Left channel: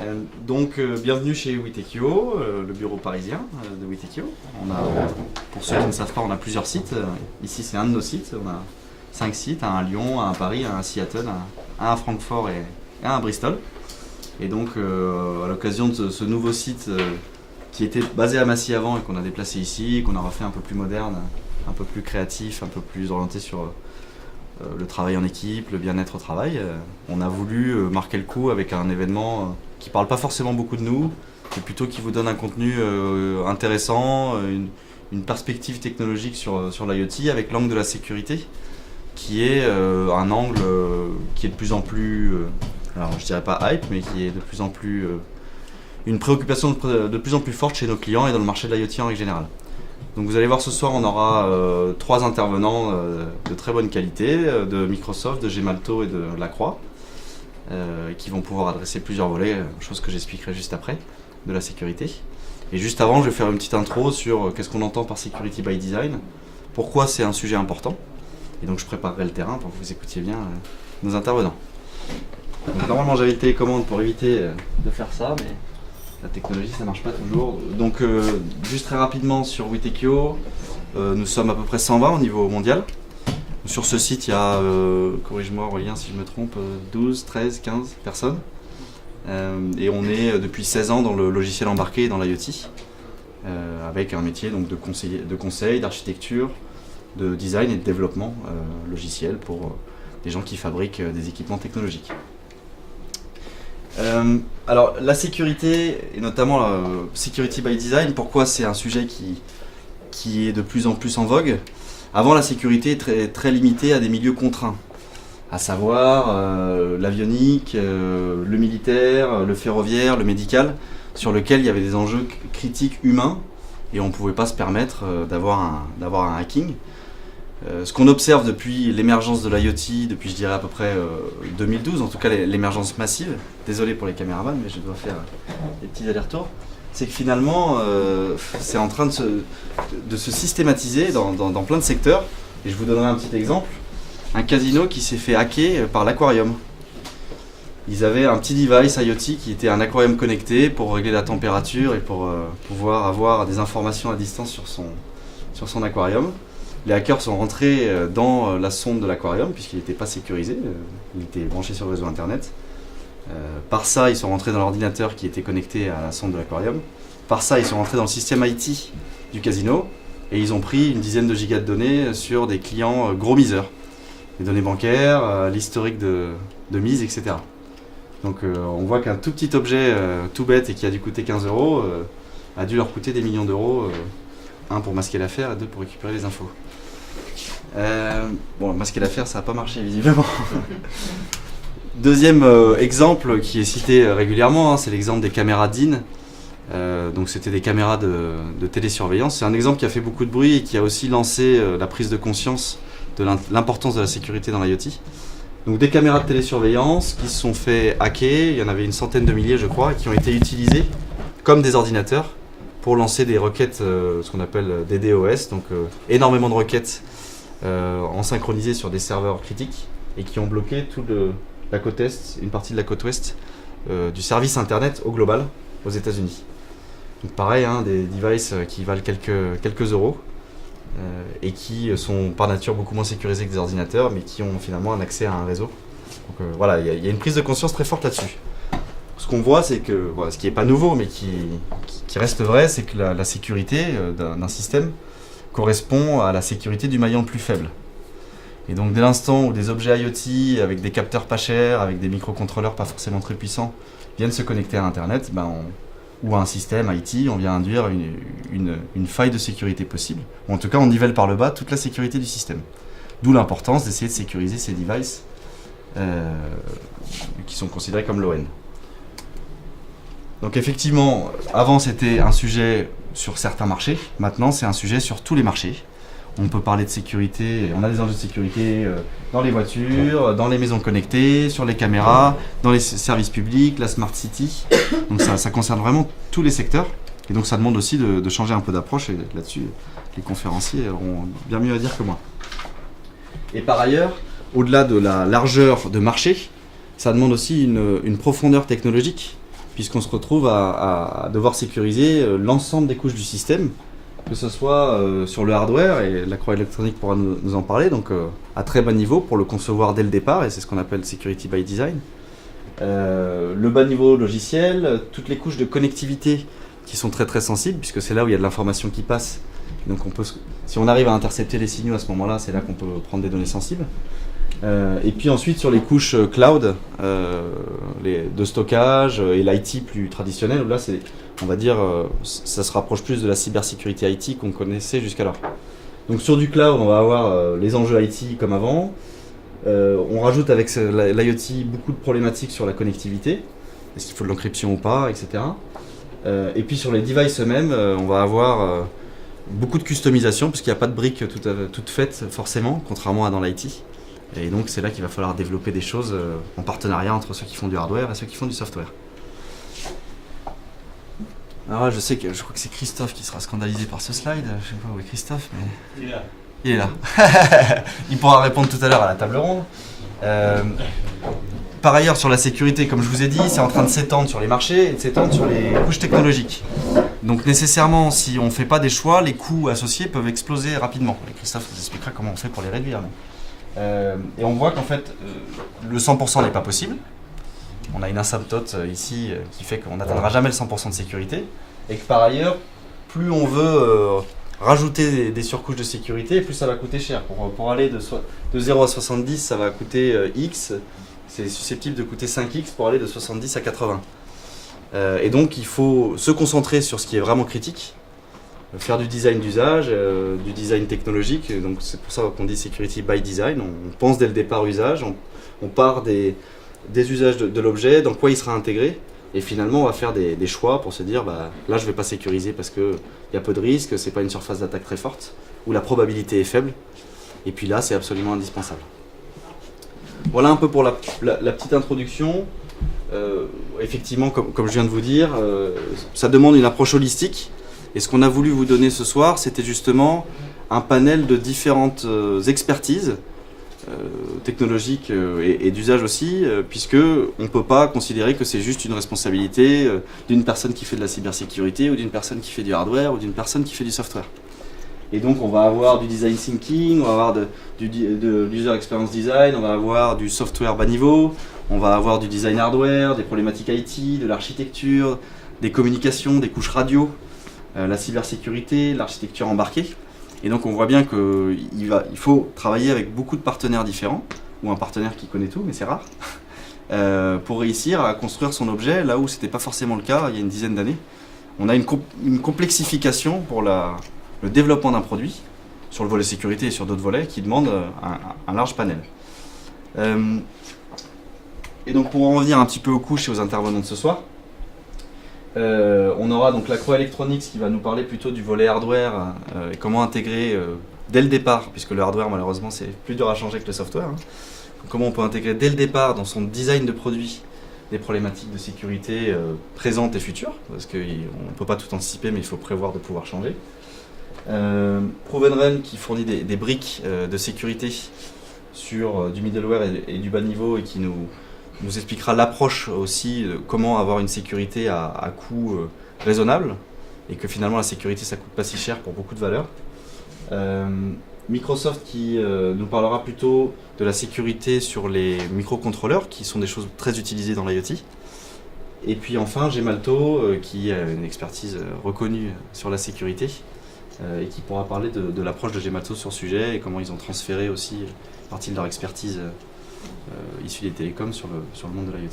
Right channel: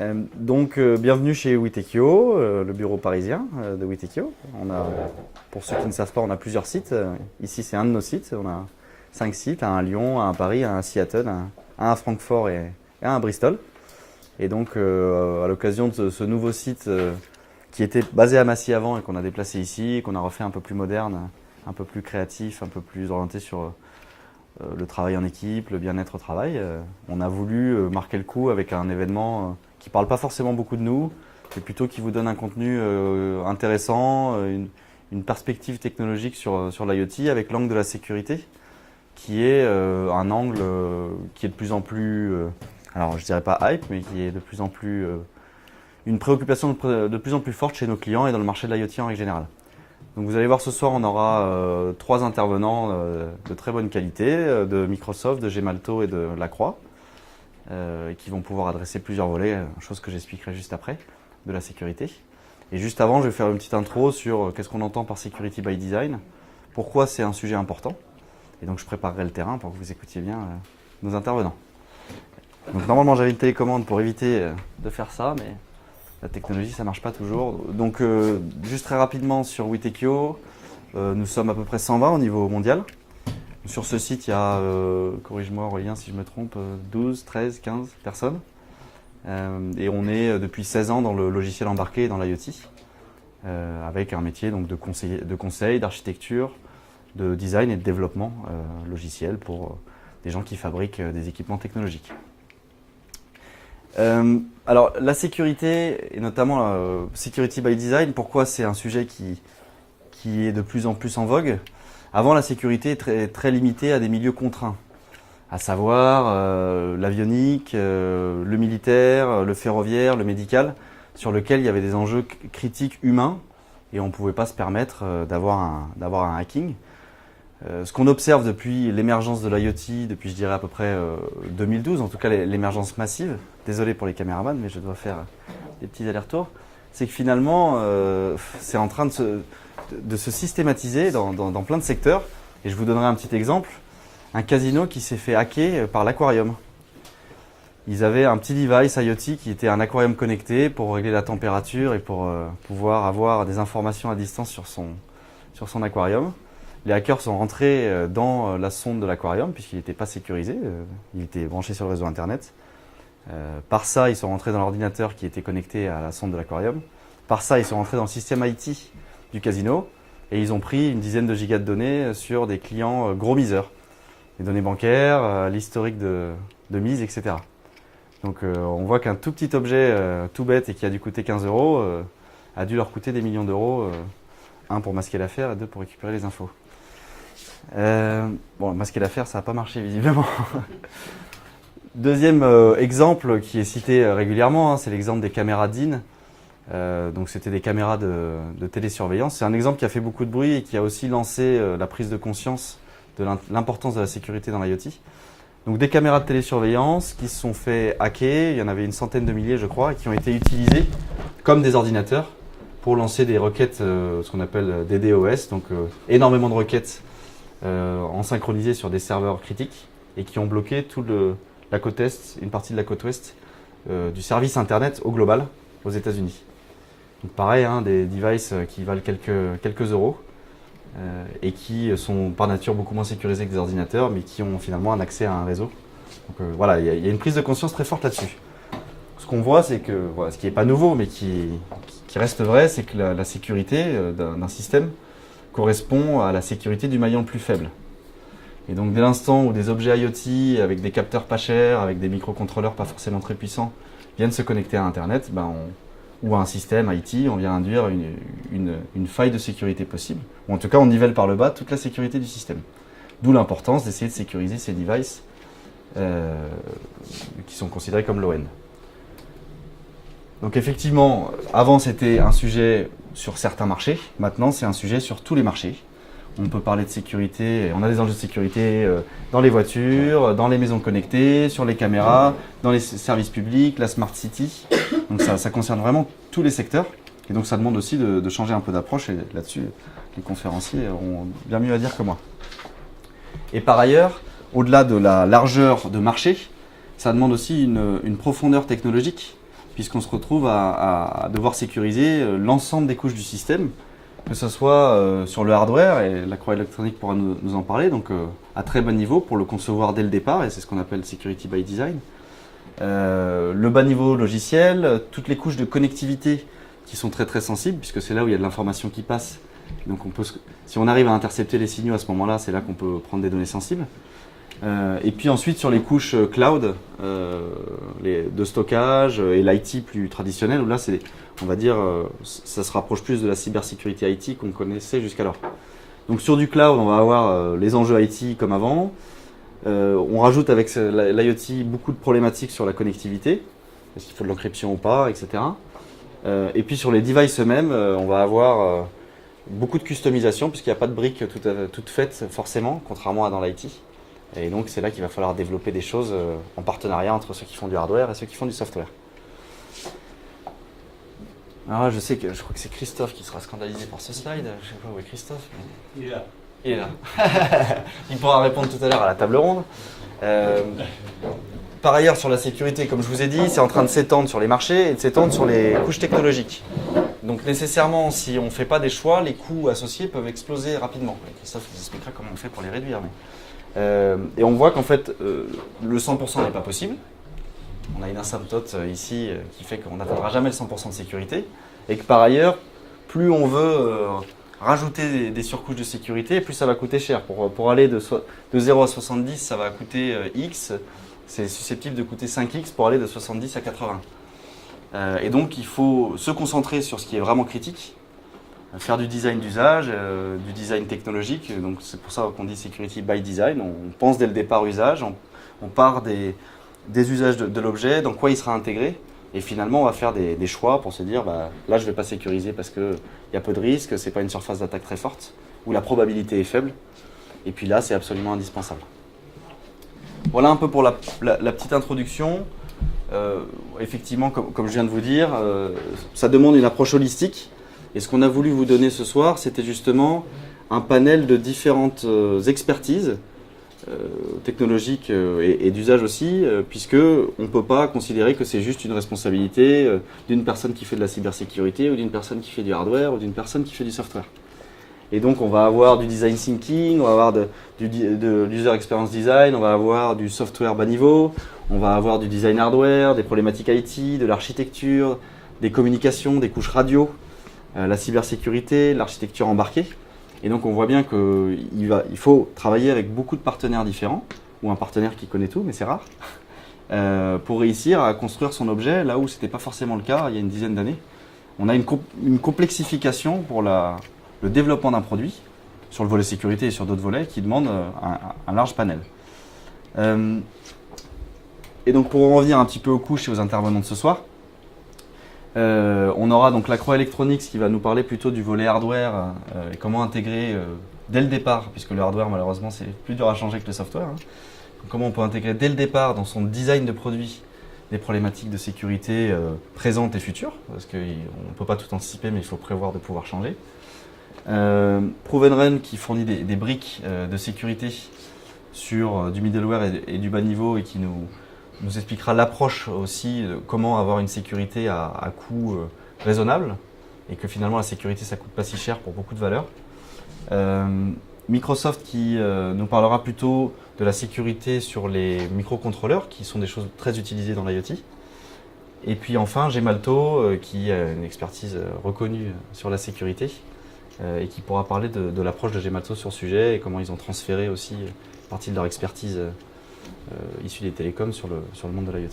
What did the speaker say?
Bienvenue chez Witekio, le bureau parisien de Witekio. Pour ceux qui ne savent pas, on a plusieurs sites. Ici, c'est un de nos sites. On a 5 sites, un à Lyon, un à Paris, un à Seattle, un à Francfort et un à Bristol. Et donc, à l'occasion de ce nouveau site qui était basé à Massy avant et qu'on a déplacé ici, qu'on a refait un peu plus moderne, un peu plus créatif, un peu plus orienté sur le travail en équipe, le bien-être au travail, on a voulu marquer le coup avec un événement qui ne parle pas forcément beaucoup de nous, mais plutôt qui vous donne un contenu intéressant, une perspective technologique sur l'IoT avec l'angle de la sécurité, qui est un angle qui est de plus en plus, alors je dirais pas hype, mais qui est de plus en plus une préoccupation de plus en plus forte chez nos clients et dans le marché de l'IoT en règle générale. Donc vous allez voir ce soir, on aura 3 intervenants de très bonne qualité, de Microsoft, de Gemalto et de Lacroix, qui vont pouvoir adresser plusieurs volets, chose que j'expliquerai juste après, de la sécurité. Et juste avant, je vais faire une petite intro sur qu'est-ce qu'on entend par Security by Design, pourquoi c'est un sujet important, et donc je préparerai le terrain pour que vous écoutiez bien nos intervenants. Donc, normalement j'avais une télécommande pour éviter de faire ça, mais la technologie, ça marche pas toujours. Donc, juste très rapidement sur Witekio, nous sommes à peu près 120 au niveau mondial. Sur ce site, il y a, corrige-moi Aurélien si je me trompe, 12, 13, 15 personnes. Et on est depuis 16 ans dans le logiciel embarqué et dans l'IoT, avec un métier donc, de conseil, d'architecture, de design et de développement logiciel pour des gens qui fabriquent des équipements technologiques. Alors la sécurité, et notamment Security by Design, pourquoi c'est un sujet qui est de plus en plus en vogue. Avant, la sécurité est très limitée à des milieux contraints, à savoir l'avionique, le militaire, le ferroviaire, le médical, sur lequel il y avait des enjeux critiques humains et on ne pouvait pas se permettre d'avoir un hacking. Ce qu'on observe depuis l'émergence de l'IoT, depuis je dirais à peu près 2012, en tout cas l'émergence massive, désolé pour les caméramans mais je dois faire des petits allers-retours, c'est que finalement c'est en train de se systématiser dans plein de secteurs. Et je vous donnerai un petit exemple, un casino qui s'est fait hacker par l'Aquarium. Ils avaient un petit device IoT qui était un aquarium connecté pour régler la température et pour pouvoir avoir des informations à distance sur son aquarium. Les hackers sont rentrés dans la sonde de l'aquarium puisqu'il n'était pas sécurisé, il était branché sur le réseau internet. Par ça, ils sont rentrés dans l'ordinateur qui était connecté à la sonde de l'aquarium. Par ça, ils sont rentrés dans le système IT du casino et ils ont pris une dizaine de gigas de données sur des clients gros miseurs. Les données bancaires, l'historique de mise, etc. Donc on voit qu'un tout petit objet tout bête et qui a dû coûter 15 € a dû leur coûter des millions d'euros. Un pour masquer l'affaire et 2 pour récupérer les infos. Bon, masquer l'affaire, ça n'a pas marché visiblement. Deuxième exemple qui est cité régulièrement, c'est l'exemple des caméras DIN. Donc c'était des caméras de télésurveillance. C'est un exemple qui a fait beaucoup de bruit et qui a aussi lancé la prise de conscience de l'importance de la sécurité dans l'IoT. Donc des caméras de télésurveillance qui se sont fait hacker, il y en avait une centaine de milliers je crois, et qui ont été utilisées comme des ordinateurs pour lancer des requêtes, ce qu'on appelle des DDoS, donc énormément de requêtes en synchronisé sur des serveurs critiques et qui ont bloqué la côte est, une partie de la côte ouest du service internet au global aux États-Unis. Donc pareil, hein, des devices qui valent quelques euros et qui sont par nature beaucoup moins sécurisés que des ordinateurs, mais qui ont finalement un accès à un réseau. Donc voilà, il y a une prise de conscience très forte là-dessus. Ce qu'on voit, c'est que, voilà, ce qui n'est pas nouveau, mais qui reste vrai, c'est que la sécurité d'un système correspond à la sécurité du maillon le plus faible. Et donc dès l'instant où des objets IoT avec des capteurs pas chers, avec des microcontrôleurs pas forcément très puissants, viennent se connecter à Internet, ou à un système IT, on vient induire une faille de sécurité possible. Ou en tout cas, on nivelle par le bas toute la sécurité du système. D'où l'importance d'essayer de sécuriser ces devices qui sont considérés comme l'ON. Donc effectivement, avant c'était un sujet sur certains marchés, maintenant c'est un sujet sur tous les marchés. On peut parler de sécurité, on a des enjeux de sécurité dans les voitures, dans les maisons connectées, sur les caméras, dans les services publics, la Smart City. Donc ça concerne vraiment tous les secteurs. Et donc ça demande aussi de changer un peu d'approche et là-dessus, les conférenciers auront bien mieux à dire que moi. Et par ailleurs, au-delà de la largeur de marché, ça demande aussi une profondeur technologique puisqu'on se retrouve à devoir sécuriser l'ensemble des couches du système, que ce soit sur le hardware, et la Croix Électronique pourra nous en parler, donc à très bas niveau pour le concevoir dès le départ, et c'est ce qu'on appelle Security by Design. Le bas niveau logiciel, toutes les couches de connectivité qui sont très très sensibles, puisque c'est là où il y a de l'information qui passe. Donc si on arrive à intercepter les signaux à ce moment-là, c'est là qu'on peut prendre des données sensibles. Et puis ensuite sur les couches cloud de stockage et l'IT plus traditionnel, là on va dire ça se rapproche plus de la cybersécurité IT qu'on connaissait jusqu'alors. Donc sur du cloud, on va avoir les enjeux IT comme avant. On rajoute avec l'IoT beaucoup de problématiques sur la connectivité, est-ce qu'il faut de l'encryption ou pas, etc. Et puis sur les devices eux-mêmes, on va avoir beaucoup de customisation puisqu'il n'y a pas de briques toutes faites forcément, contrairement à dans l'IT. Et donc c'est là qu'il va falloir développer des choses en partenariat entre ceux qui font du hardware et ceux qui font du software. Alors là, je crois que c'est Christophe qui sera scandalisé par ce slide. Je sais pas où est Christophe, mais... Il est là. Il est là. Il pourra répondre tout à l'heure à la table ronde. Par ailleurs, sur la sécurité, comme je vous ai dit, c'est en train de s'étendre sur les marchés et de s'étendre sur les couches technologiques. Donc nécessairement, si on ne fait pas des choix, les coûts associés peuvent exploser rapidement. Et Christophe vous expliquera comment on fait pour les réduire. Et on voit qu'en fait, le 100% n'est pas possible. On a une asymptote ici qui fait qu'on n'atteindra jamais le 100% de sécurité. Et que par ailleurs, plus on veut rajouter des surcouches de sécurité, plus ça va coûter cher. Pour aller de 0 à 70, ça va coûter X. C'est susceptible de coûter 5X pour aller de 70 à 80. Et donc il faut se concentrer sur ce qui est vraiment critique, faire du design d'usage, du design technologique. Donc c'est pour ça qu'on dit Security by Design. On pense dès le départ usage, on part des usages de l'objet, dans quoi il sera intégré. Et finalement on va faire des choix pour se dire là je ne vais pas sécuriser parce qu'il y a peu de risques, c'est pas une surface d'attaque très forte, ou la probabilité est faible. Et puis là c'est absolument indispensable. Voilà un peu pour la petite introduction. Effectivement, comme je viens de vous dire, ça demande une approche holistique. Et ce qu'on a voulu vous donner ce soir, c'était justement un panel de différentes expertises technologiques et d'usage aussi, puisque on ne peut pas considérer que c'est juste une responsabilité d'une personne qui fait de la cybersécurité, ou d'une personne qui fait du hardware, ou d'une personne qui fait du software. Et donc on va avoir du design thinking, on va avoir de l'user experience design, on va avoir du software bas niveau, on va avoir du design hardware, des problématiques IT, de l'architecture, des communications, des couches radio, la cybersécurité, l'architecture embarquée. Et donc on voit bien qu'il faut travailler avec beaucoup de partenaires différents, ou un partenaire qui connaît tout, mais c'est rare, pour réussir à construire son objet là où ce n'était pas forcément le cas il y a une dizaine d'années. On a une complexification pour le développement d'un produit, sur le volet sécurité et sur d'autres volets, qui demandent un large panel. Et donc pour en revenir un petit peu aux couches et aux intervenants de ce soir, on aura donc la Croix Électronique qui va nous parler plutôt du volet hardware et comment intégrer dès le départ, puisque le hardware malheureusement c'est plus dur à changer que le software, comment on peut intégrer dès le départ dans son design de produit des problématiques de sécurité présentes et futures, parce qu'on ne peut pas tout anticiper mais il faut prévoir de pouvoir changer. Proven Run qui fournit des briques de sécurité sur du middleware et du bas niveau et qui nous expliquera l'approche aussi de comment avoir une sécurité à coût raisonnable et que finalement la sécurité ça coûte pas si cher pour beaucoup de valeurs. Microsoft qui nous parlera plutôt de la sécurité sur les microcontrôleurs qui sont des choses très utilisées dans l'IoT. Et puis enfin Gemalto qui a une expertise reconnue sur la sécurité et qui pourra parler de l'approche de Gemalto sur le sujet et comment ils ont transféré aussi partie de leur expertise issue des télécoms sur le monde de l'IoT.